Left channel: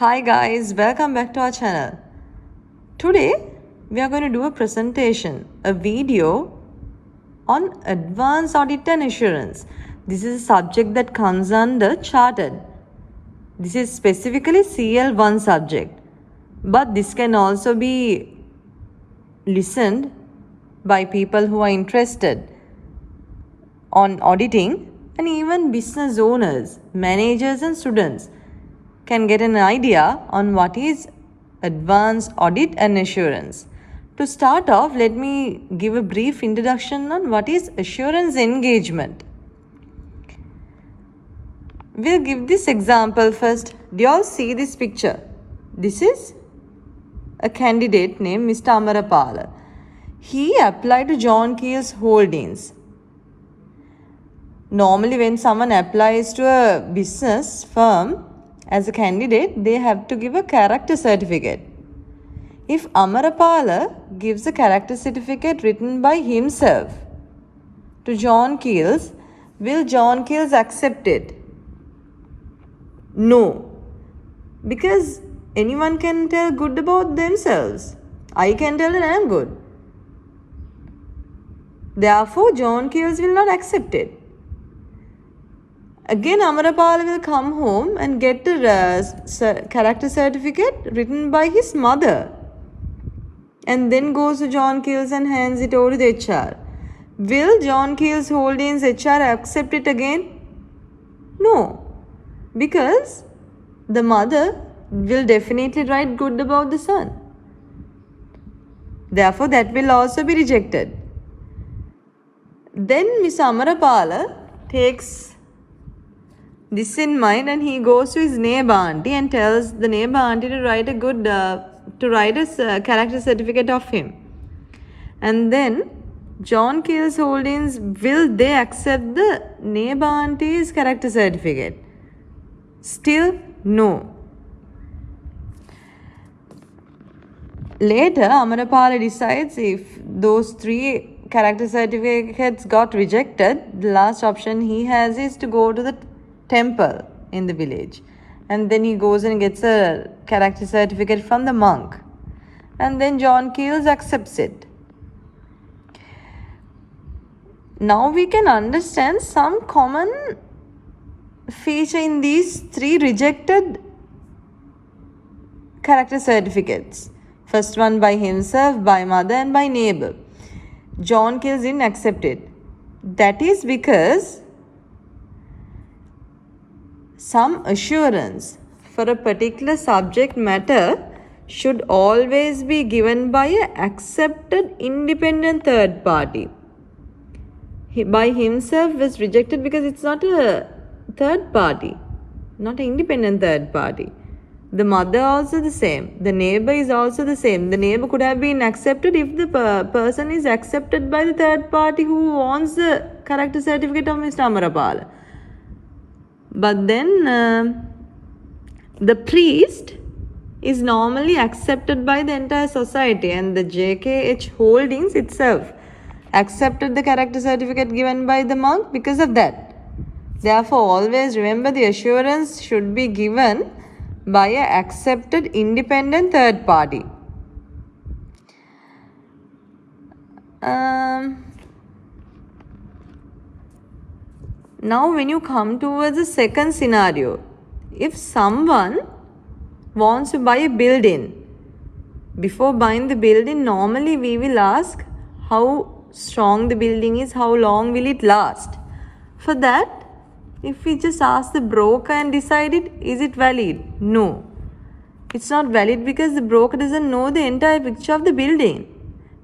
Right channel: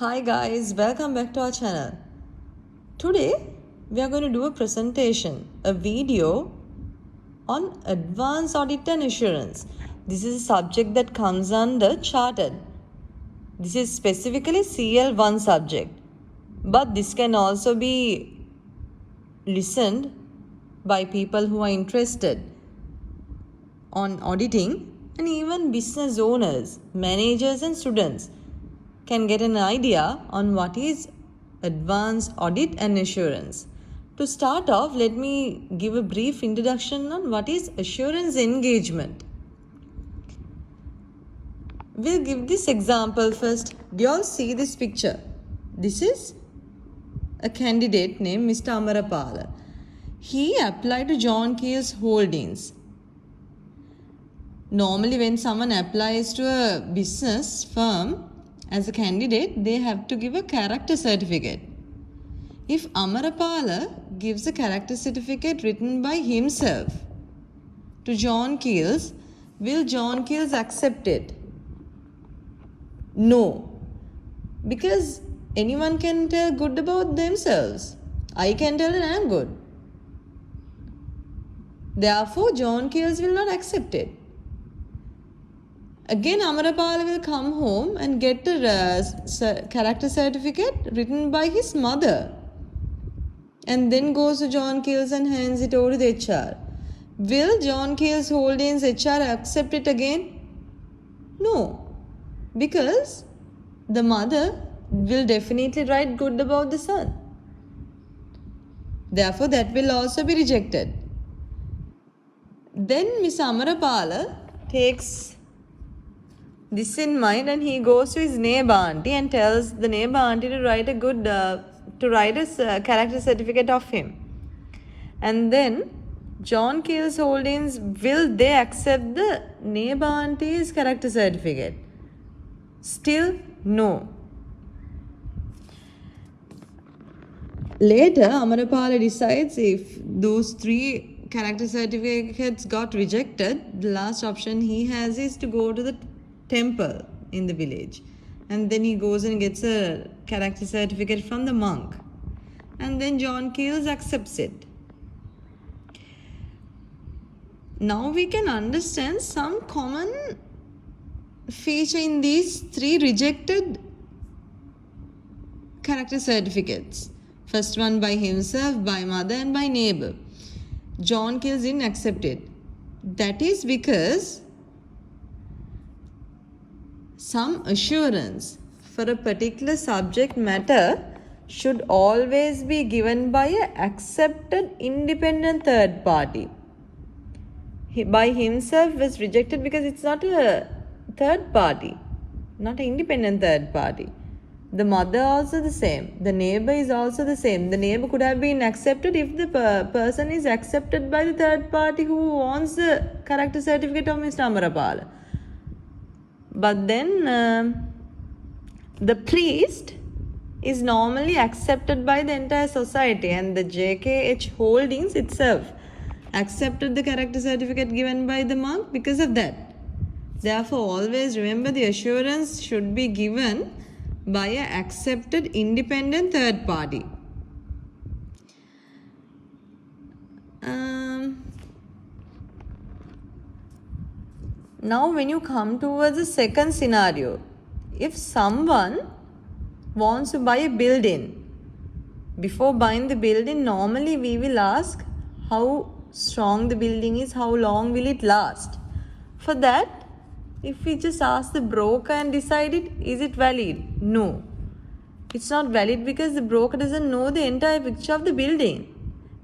Hi guys, welcome back to our channel. Today we are going to do a presentation, a video on advanced audit and assurance. This is a subject that comes under chartered. This is specifically CL1 subject, but this can also be listened by people who are interested on auditing, and even business owners, managers and students can get an idea on what is advanced audit and assurance. To start off, let me give a brief introduction on what is assurance engagement. We'll give this example first. Do you all see this picture? This is a candidate named Mr. Amarapala. He applied to John Keel's Holdings. Normally, when someone applies to a business firm as a candidate, they have to give a character certificate. If Amarapala gives a character certificate written by himself to John Keels, will John Keels accept it? No. Because anyone can tell good about themselves. I can tell that I am good. Therefore, John Keels will not accept it. Again, Amarapala will come home and get a character certificate written by his mother, and then goes to John Keels and hands it over to the HR. Will John Keels Holdings HR accept it again? No, because the mother will definitely write good about the son. Therefore, that will also be rejected. Then Miss Amarapala takes this in mind, and he goes to his neighbor auntie and tells the neighbor auntie to write a character certificate of him. And then John Keels Holdings, will they accept the neighbor auntie's character certificate? Still no. Later, Amarapala decides if those three character certificates got rejected, the last option he has is to go to the temple in the village, and then he goes and gets a character certificate from the monk, and then John Keels accepts it. Now we can understand some common feature in these three rejected character certificates. First one by himself, by mother and by neighbor. John Keels didn't accept it. That is because some assurance for a particular subject matter should always be given by an accepted independent third party. By himself was rejected because it's not a third party, not an independent third party. The mother also the same. The neighbor is also the same. The neighbor could have been accepted if the person is accepted by the third party who wants the character certificate of Mr. Amarapala. But then the priest is normally accepted by the entire society, and the JKH Holdings itself accepted the character certificate given by the monk because of that. Therefore, always remember the assurance should be given by an accepted independent third party. Now, when you come towards the second scenario, if someone wants to buy a building, before buying the building, normally we will ask how strong the building is, how long will it last. For that, if we just ask the broker and decide it, is it valid? No, it's not valid because the broker doesn't know the entire picture of the building.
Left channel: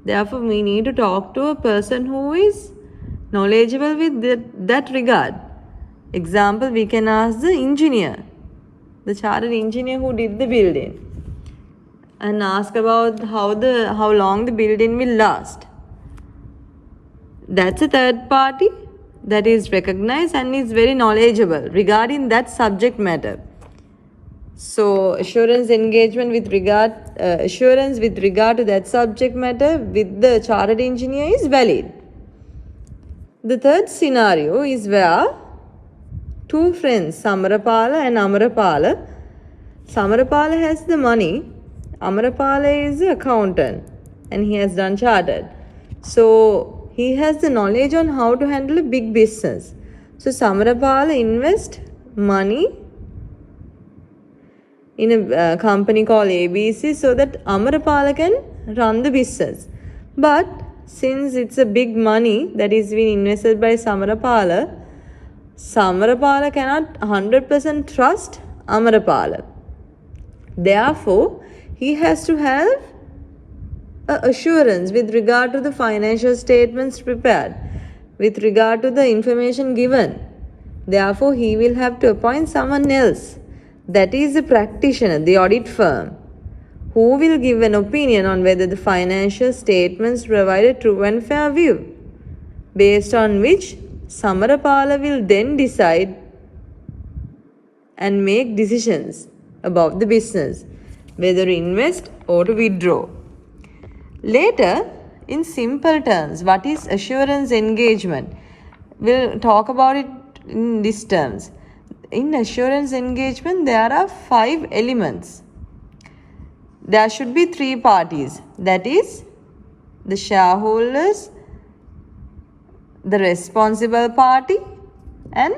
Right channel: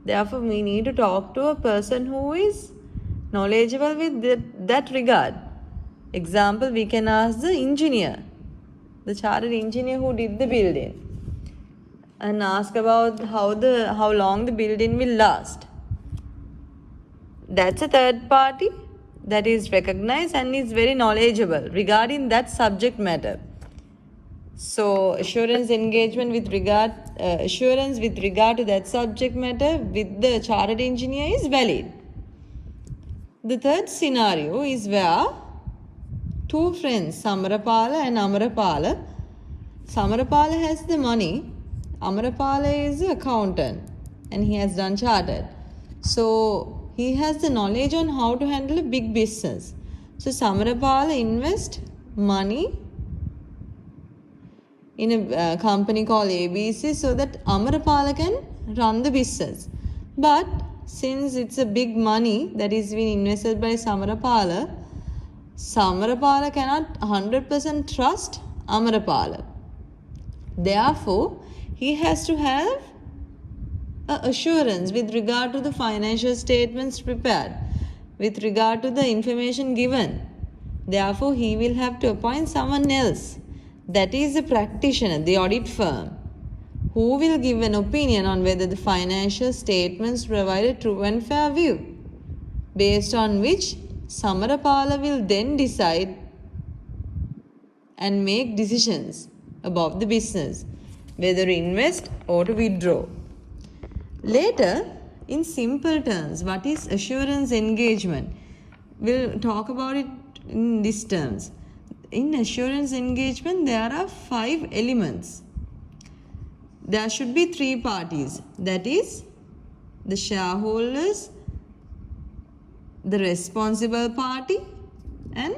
Therefore, we need to talk to a person who is knowledgeable with that regard. Example, we can ask the engineer, the chartered engineer who did the building, and ask about how long the building will last. That's a third party that is recognized and is very knowledgeable regarding that subject matter. So assurance engagement with regard to that subject matter with the chartered engineer is valid. The third scenario is where two friends, Amarapala and Amarapala, Samarapala has the money. Amarapala is the accountant and he has done chartered. So he has the knowledge on how to handle a big business. So Samarapala invest money in a company called ABC so that Amarapala can run the business. But since it's a big money that is being invested by Samarapala, Samarapala cannot 100% trust Amarapala. Therefore, he has to have assurance with regard to the financial statements prepared, with regard to the information given. Therefore, he will have to appoint someone else, that is the practitioner, the audit firm, who will give an opinion on whether the financial statements provide a true and fair view, based on which Samarapala will then decide and make decisions about the business, whether to invest or to withdraw. Later, in simple terms, what is assurance engagement? We'll talk about it in these terms. In assurance engagement, there are 5 elements. There should be 3 parties, that is, the shareholders, the responsible party, and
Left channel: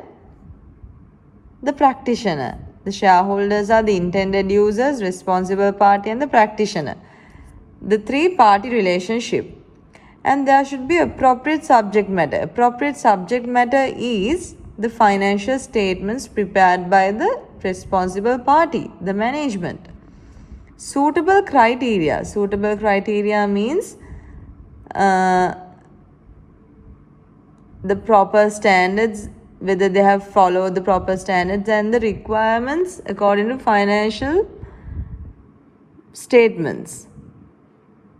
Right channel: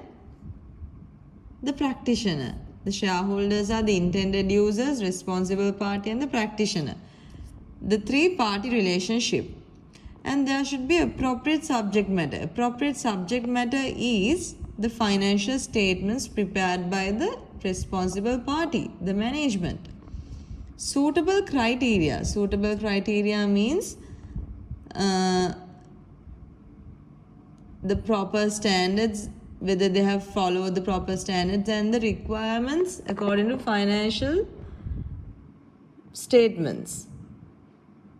the practitioner. The shareholders are the intended users, responsible party, and the practitioner. The 3-party relationship. And there should be appropriate subject matter. Appropriate subject matter is the financial statements prepared by the responsible party, the management. Suitable criteria. Suitable criteria means the proper standards, whether they have followed the proper standards and the requirements according to financial statements.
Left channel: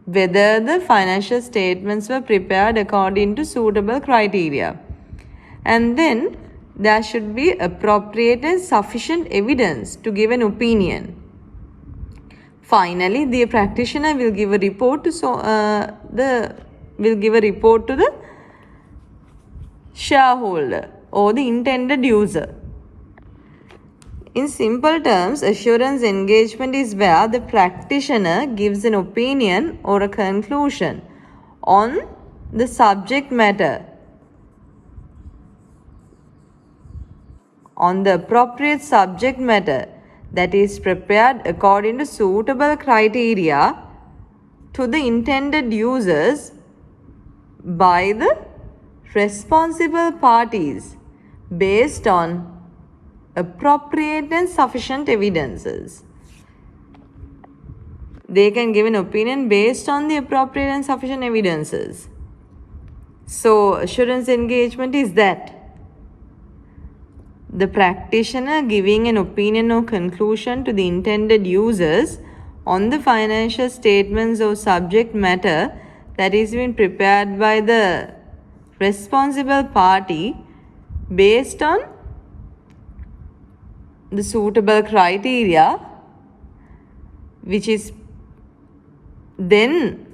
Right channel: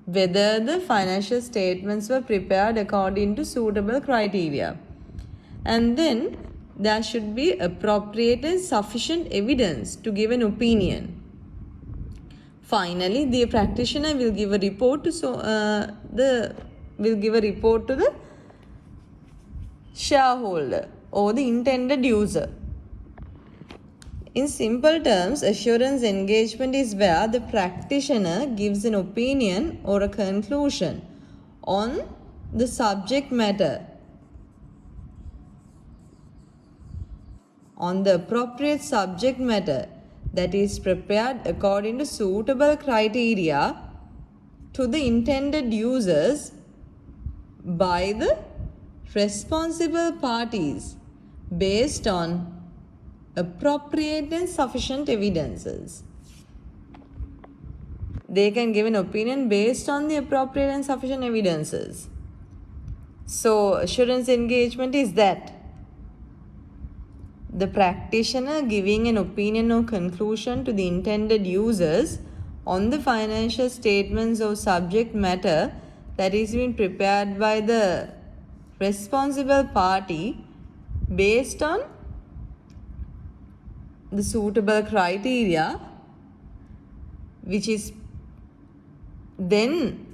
Whether the financial statements were prepared according to suitable criteria. And then there should be appropriate and sufficient evidence to give an opinion. Finally, the practitioner will give a report to the shareholder or the intended user. In simple terms, assurance engagement is where the practitioner gives an opinion or a conclusion on the subject matter, on the appropriate subject matter that is prepared according to suitable criteria to the intended users by the responsible parties based on appropriate and sufficient evidences. They can give an opinion based on the appropriate and sufficient evidences. So, assurance engagement is that the practitioner giving an opinion or conclusion to the intended users on the financial statements or subject matter that is been prepared by the responsible party based on the suitable criteria, which is then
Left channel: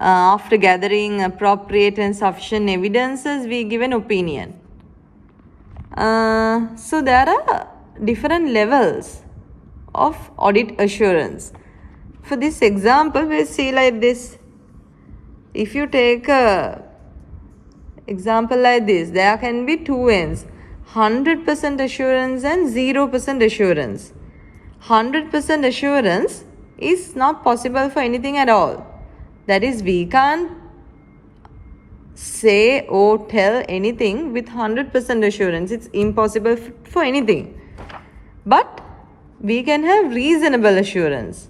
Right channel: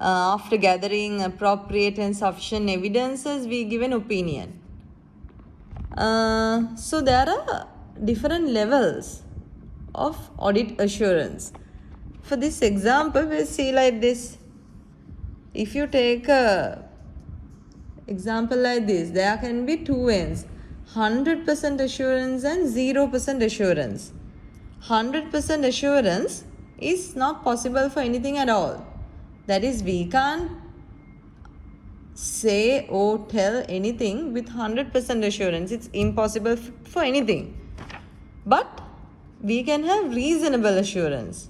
after gathering appropriate and sufficient evidences, we give an opinion. So there are different levels of audit assurance. For this example, we'll see like this. If you take a example like this, there can be 2 ends. 100% assurance and 0% assurance. 100% assurance is not possible for anything at all. That is, we can't say or tell anything with 100% assurance. It's impossible for anything. But we can have reasonable assurance.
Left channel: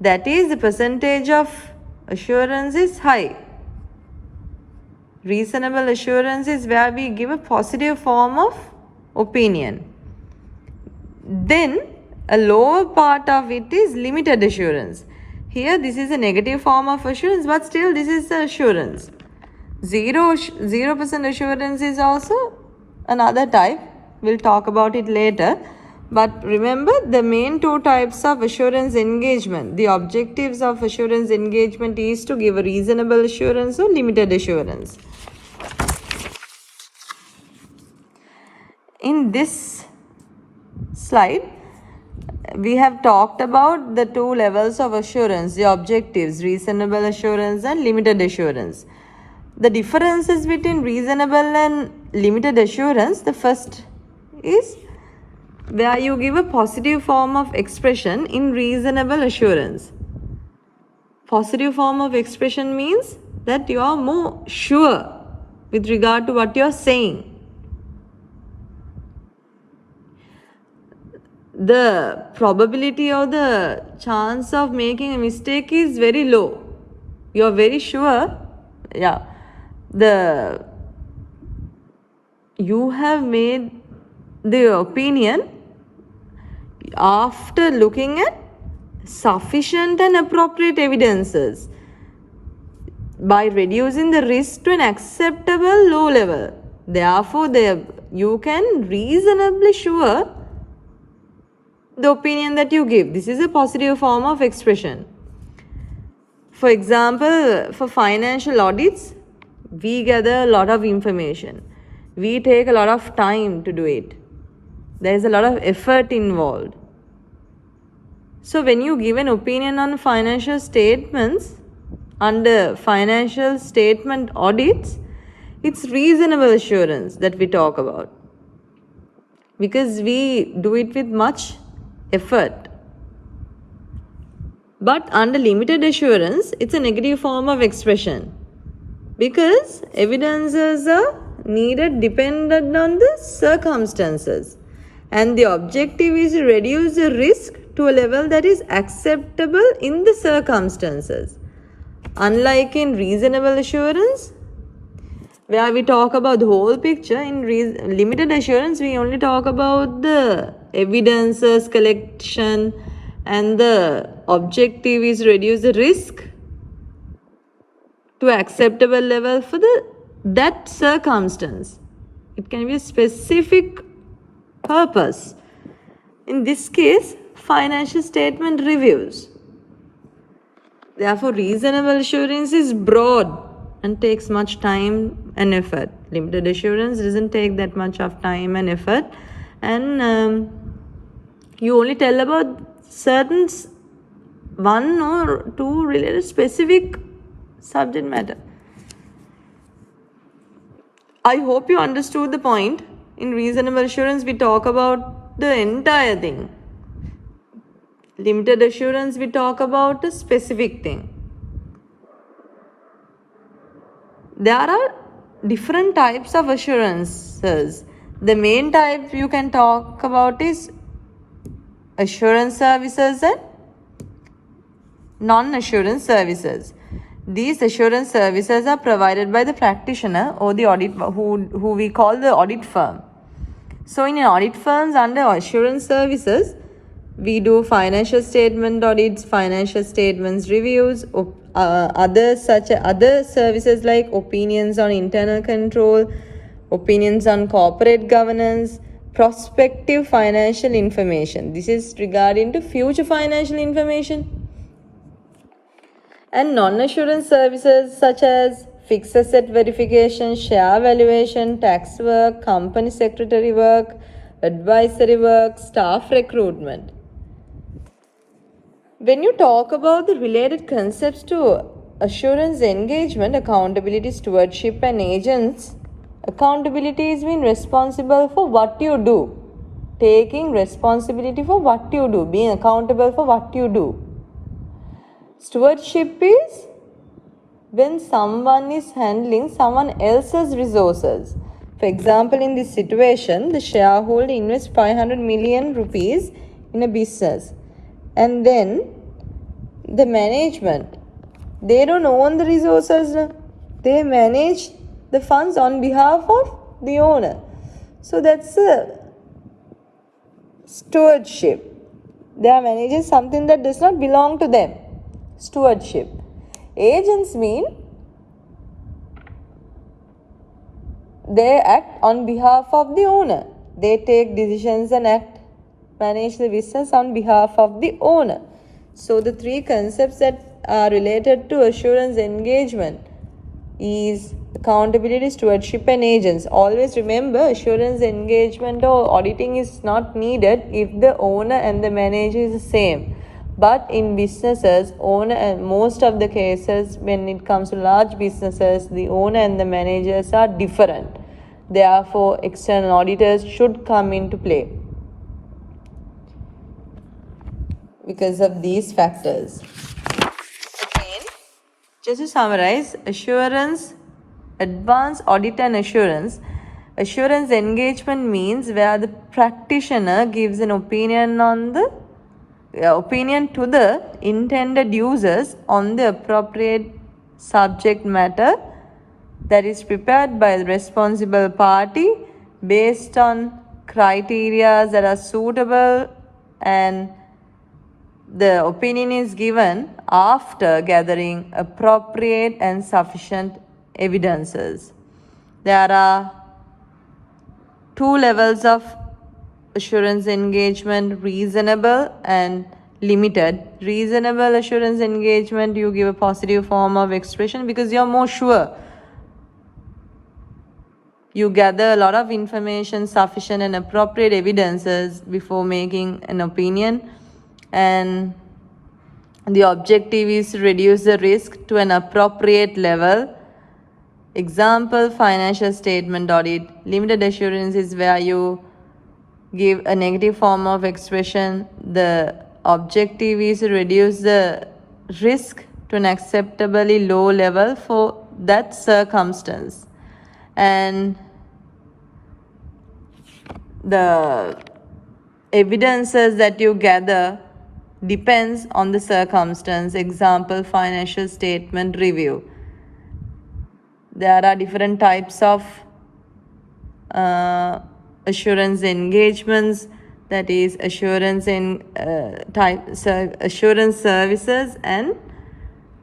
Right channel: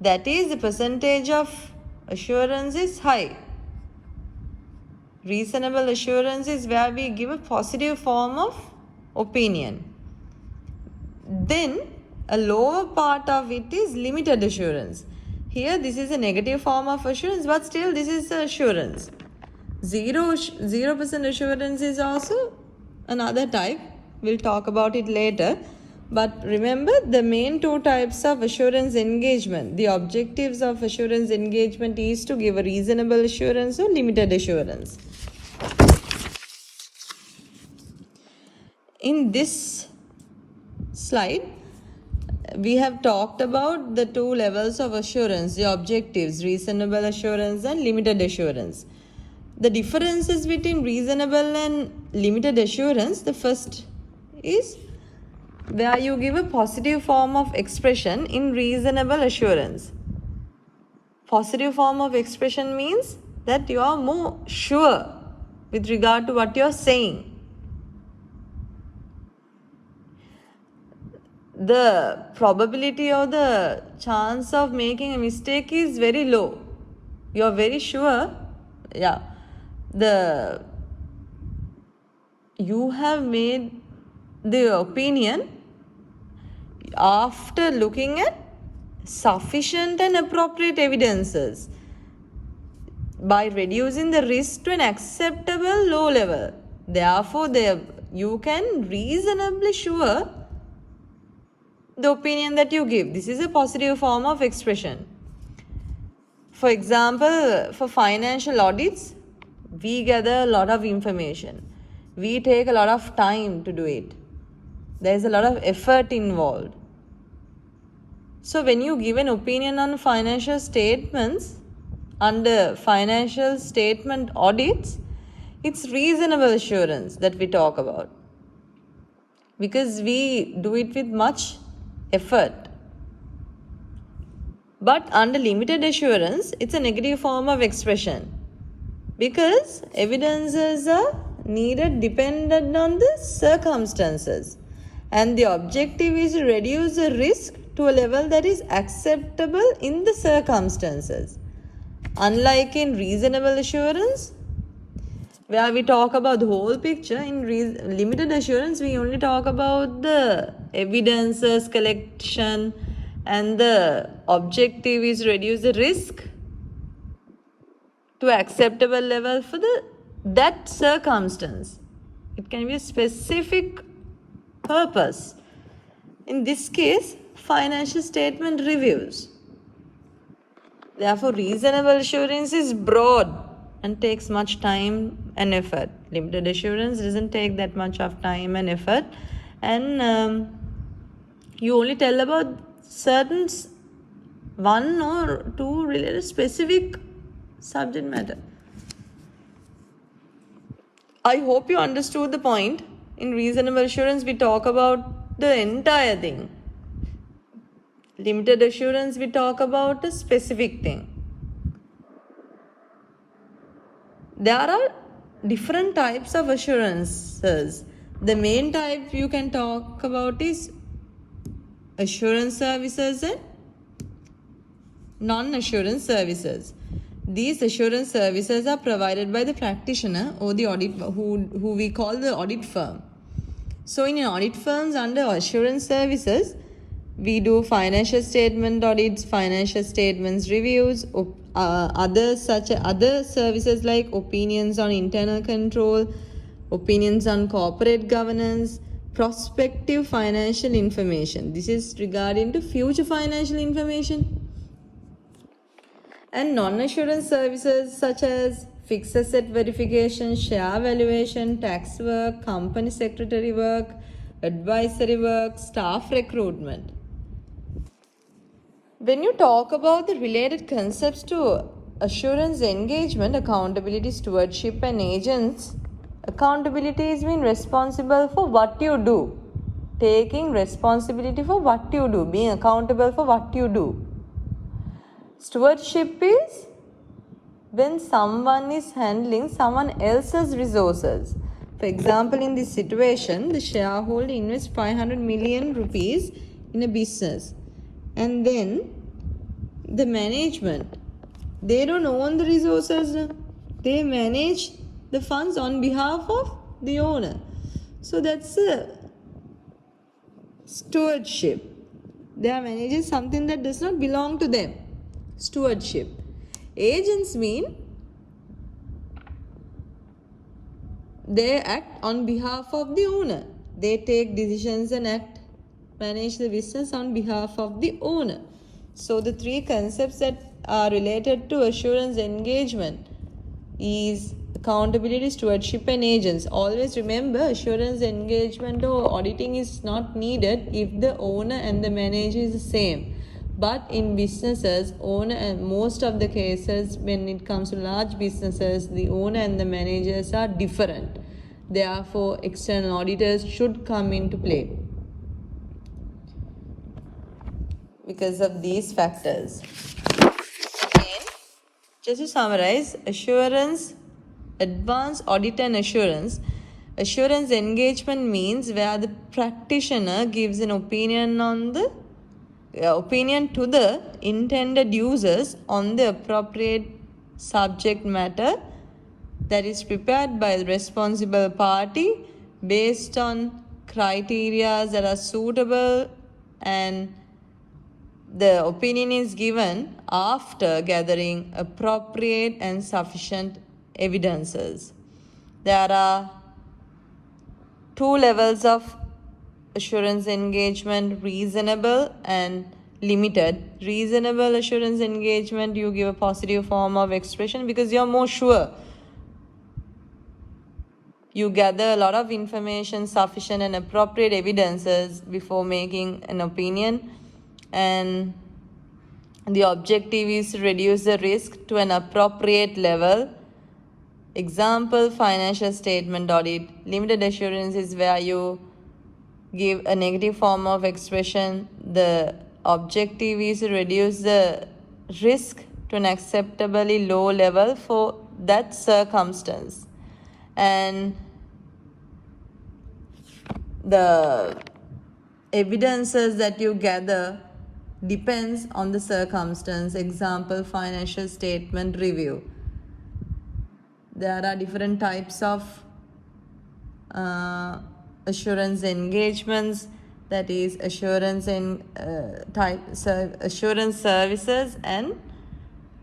That is, the percentage of assurance is high. Reasonable assurance is where we give a positive form of opinion. Then a lower part of it is limited assurance. Here this is a negative form of assurance, but still this is the assurance. 0% assurance is also another type. We'll talk about it later. But remember the main 2 types of assurance engagement. The objectives of assurance engagement is to give a reasonable assurance or limited assurance. In this slide, we have talked about the two levels of assurance, the objectives, reasonable assurance and limited assurance. The differences between reasonable and limited assurance, the first is where you give a positive form of expression in reasonable assurance. Positive form of expression means that you are more sure with regard to what you are saying. The probability or the chance of making a mistake is very low. You are very sure, you have made the opinion after looking at sufficient and appropriate evidences by reducing the risk to an acceptable low level. Therefore, you can reasonably sure the opinion that you give. This is a positive form of expression. For example, for financial audits, we gather a lot of information. We take a lot of time to do it. There is a lot of effort involved. So when you give an opinion on financial statements under financial statement audits, it's reasonable assurance that we talk about, because we do it with much effort. But under limited assurance, it's a negative form of expression, because evidences are needed dependent on the circumstances, and the objective is to reduce the risk to a level that is acceptable in the circumstances. Unlike in reasonable assurance, where we talk about the whole picture, in limited assurance we only talk about the evidences collection, and the objective is reduce the risk to acceptable level for that circumstance. It can be a specific purpose. In this case, financial statement reviews. Therefore, reasonable assurance is broad and takes much time and effort. Limited assurance doesn't take that much of time and effort, and you only tell about certain one or two related specific subject matter. I hope you understood the point. In reasonable assurance, we talk about the entire thing. Limited assurance, we talk about a specific thing. There are different types of assurances. The main type you can talk about is assurance services and non-assurance services. These assurance services are provided by the practitioner or the audit who we call the audit firm. So in audit firms under assurance services, we do financial statement audits, financial statements reviews, other services like opinions on internal control, opinions on corporate governance, prospective financial information. This is regarding to future financial information. And non-assurance services such as fixed asset verification, share valuation, tax work, company secretary work, advisory work, staff recruitment. When you talk about the related concepts to assurance engagement, accountability, stewardship and agents, accountability is being responsible for what you do. Taking responsibility for what you do, being accountable for what you do. Stewardship is when someone is handling someone else's resources. For example, in this situation, the shareholder invests 500 million rupees in a business, and then the management, they don't own the resources, they manage the funds on behalf of the owner. So that's a stewardship. They are managing something that does not belong to them. Stewardship. Agents mean they act on behalf of the owner. They take decisions and manage the business on behalf of the owner. So the three concepts that are related to assurance engagement is accountability, stewardship, and agents. Always remember, assurance, engagement, or auditing is not needed if the owner and the manager is the same. But in businesses, owner and most of the cases, when it comes to large businesses, the owner and the managers are different. Therefore, external auditors should come into play because of these factors. Again, just to summarize, assurance, advanced audit and assurance. Assurance engagement means where the practitioner gives an opinion on the opinion to the intended users on the appropriate subject matter that is prepared by the responsible party based on criteria that are suitable, and the opinion is given after gathering appropriate and sufficient evidences. There are two levels of assurance engagement: reasonable and limited. Reasonable assurance engagement, you give a positive form of expression because you're more sure. You gather a lot of information, sufficient and appropriate evidences before making an opinion, and the objective is to reduce the risk to an appropriate level. Example, financial statement audit. Limited assurance is where you give a negative form of expression. The objective is to reduce the risk to an acceptably low level for that circumstance. And the evidences that you gather depends on the circumstance. Example, financial statement review. There are different types of assurance engagements, that is assurance in assurance services and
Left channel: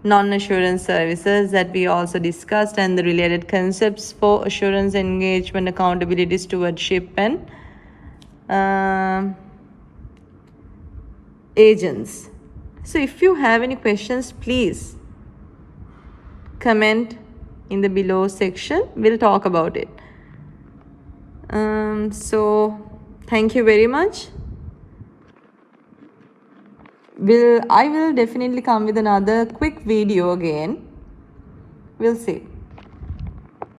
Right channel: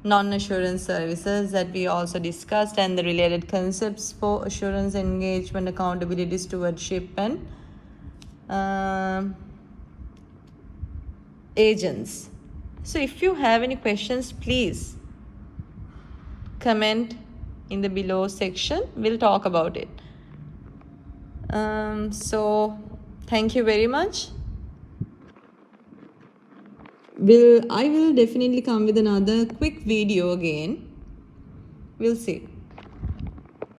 non-assurance services that we also discussed, and the related concepts for assurance engagement, accountability, stewardship, and agents. So if you have any questions, please comment in the below section. We'll talk about it. So thank you very much. I will definitely come with another quick video again. We'll see.